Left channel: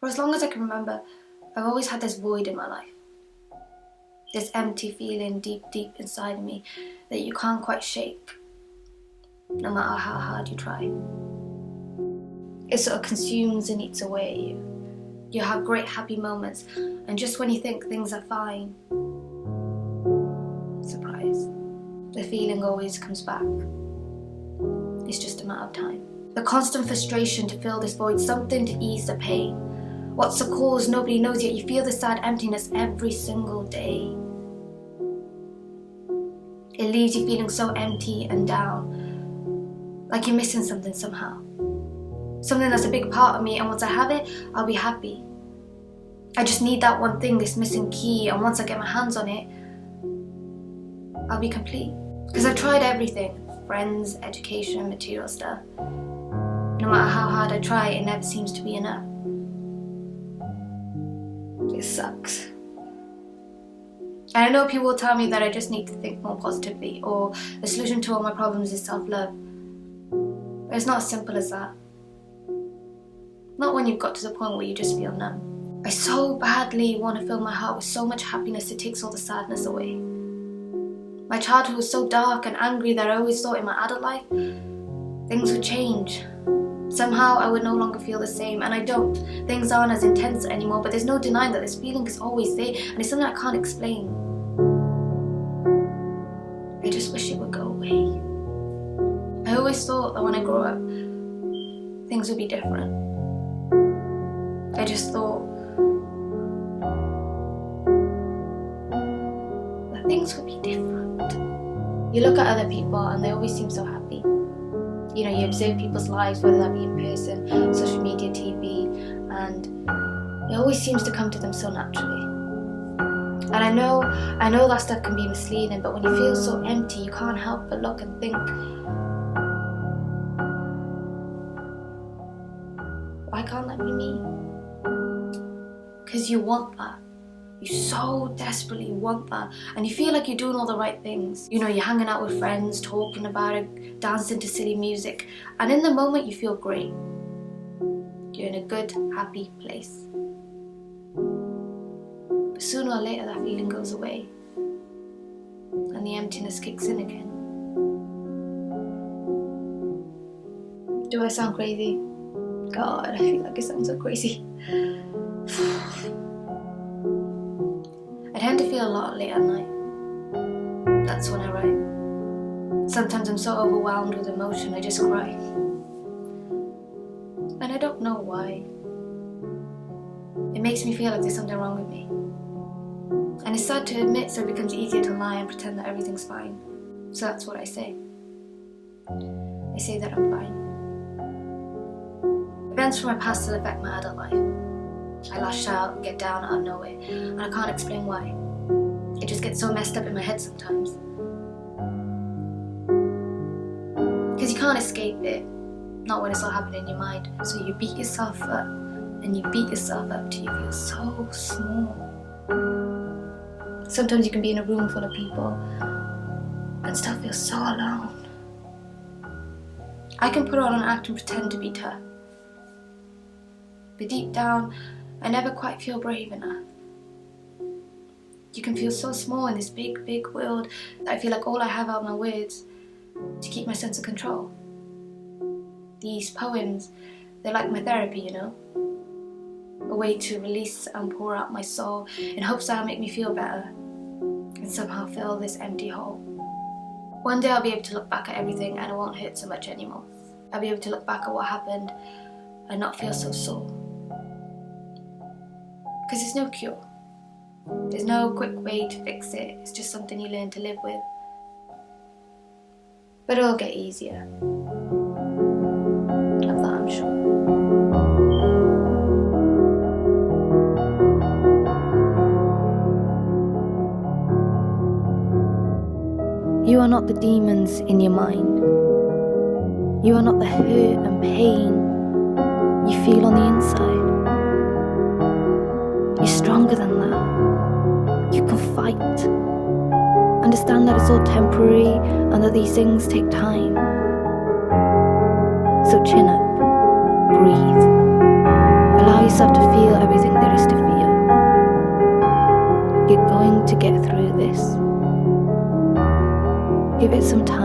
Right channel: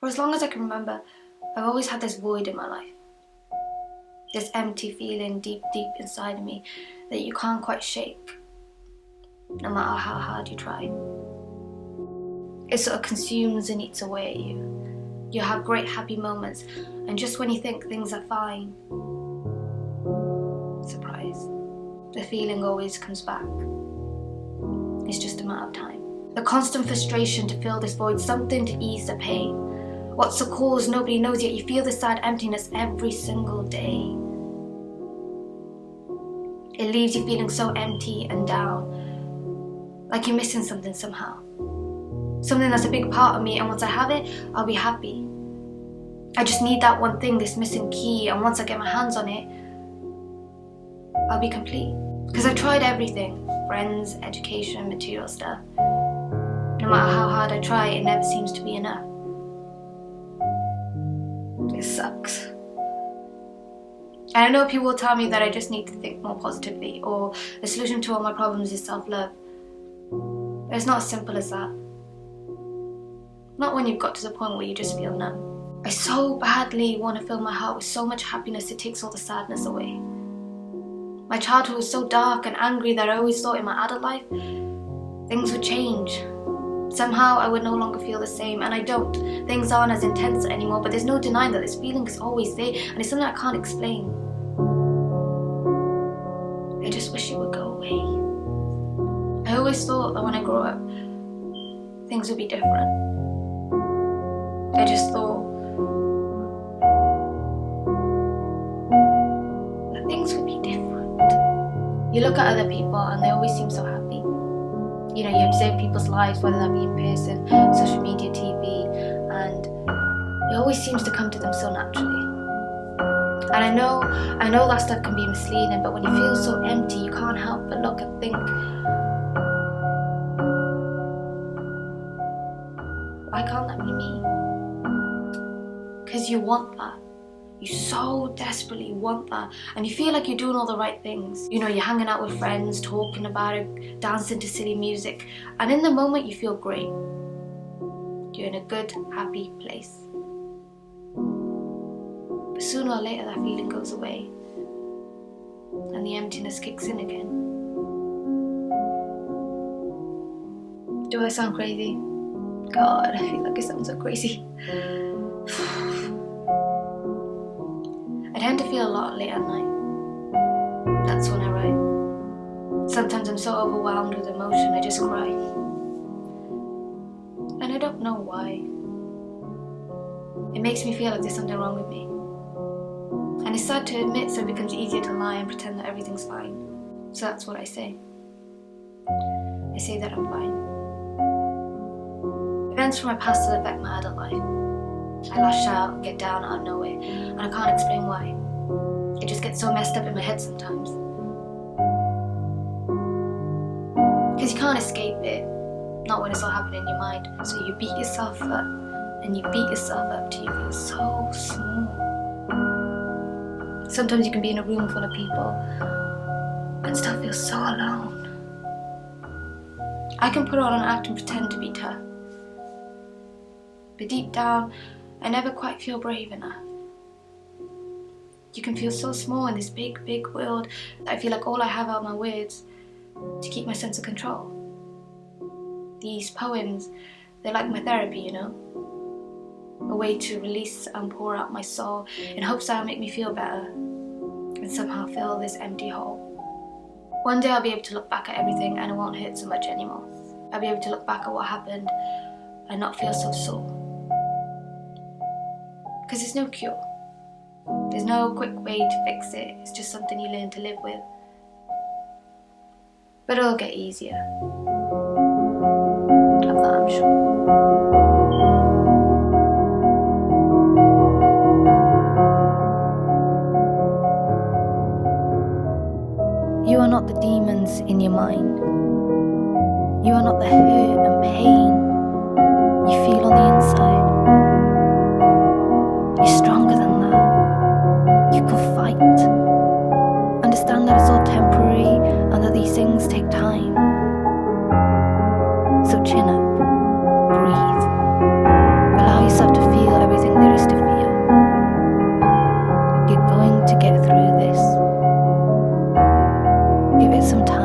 For as long as I can remember, I've always had this void in my life. This empty feeling deep, deep inside of me that you can't quite shake, no matter how hard you try. It sort of consumes and eats away at you. You have great happy moments, and just when you think things are fine, surprise, the feeling always comes back. It's just a matter of time. The constant frustration to fill this void, something to ease the pain. What's the cause? Nobody knows, yet you feel this sad emptiness every single day. It leaves you feeling so empty and down, like you're missing something somehow. Something that's a big part of me, and once I have it, I'll be happy. I just need that one thing, this missing key, and once I get my hands on it, I'll be complete. Because I've tried everything, friends, education, material stuff. No matter how hard I try, it never seems to be enough. It sucks. And I know people will tell me that I just need to think more positively, or the solution to all my problems is self-love. But it's not as simple as that. Not when you've got to the point where you just feel numb. I so badly want to fill my heart with so much happiness it takes all the sadness away. My childhood was so dark and angry that I always thought in my adult life, things would change. Somehow I would no longer feel the same, and I don't. Things aren't as intense anymore, but there's no denying that this feeling is always there, and it's something I can't explain. I just wish it would go away. I always thought that when I grow up, things would be different. I just thought that things would be different. You look at other people and they always seem so happy. You know, you observe people's lives, whether that be in person, social media, TV, and it always seems to come to them so naturally. And I know that stuff can be misleading, but when you feel so empty, you can't help but look and think, why can't that be me? Because you want that. You so desperately want that. And you feel like you're doing all the right things. You know, you're hanging out with friends, talking about it, dancing to silly music. And in the moment, you feel great. You're in a good, happy place. But sooner or later, that feeling goes away. And the emptiness kicks in again. Do I sound crazy? God, I feel like I sound so crazy. I tend to feel a lot late at night. That's when I write. Sometimes I'm so overwhelmed with emotion, I just cry. And I don't know why. It makes me feel like there's something wrong with me. And it's sad to admit, so it becomes easier to lie and pretend that everything's fine. So that's what I say. I say that I'm fine. Events from my past still affect my adult life. I lash out and get down out of nowhere, and I can't explain why. It just gets so messed up in my head sometimes. Because you can't escape it, not when it's all happening in your mind. So you beat yourself up, and you beat yourself up till you feel so small. Sometimes you can be in a room full of people and still feel so alone. I can put on an act and pretend to be tough. But deep down, I never quite feel brave enough. You can feel so small in this big, big world that I feel like all I have are my words to keep my sense of control. These poems, they're like my therapy, you know? A way to release and pour out my soul in hopes that'll make me feel better and somehow fill this empty hole. One day I'll be able to look back at everything and it won't hurt so much anymore. I'll be able to look back at what happened and not feel so sore. Because there's no cure. There's no quick way to fix it. It's just something you learn to live with. But it'll get easier. Of that I'm sure. You are not the demons in your mind. You are not the hurt and pain you feel on the inside. You're stronger than that. You can fight. Understand that it's all temporary and that these things take time. So chin up, breathe, allow yourself yourself to feel everything there is to feel. You're going to get through this. Give it some time.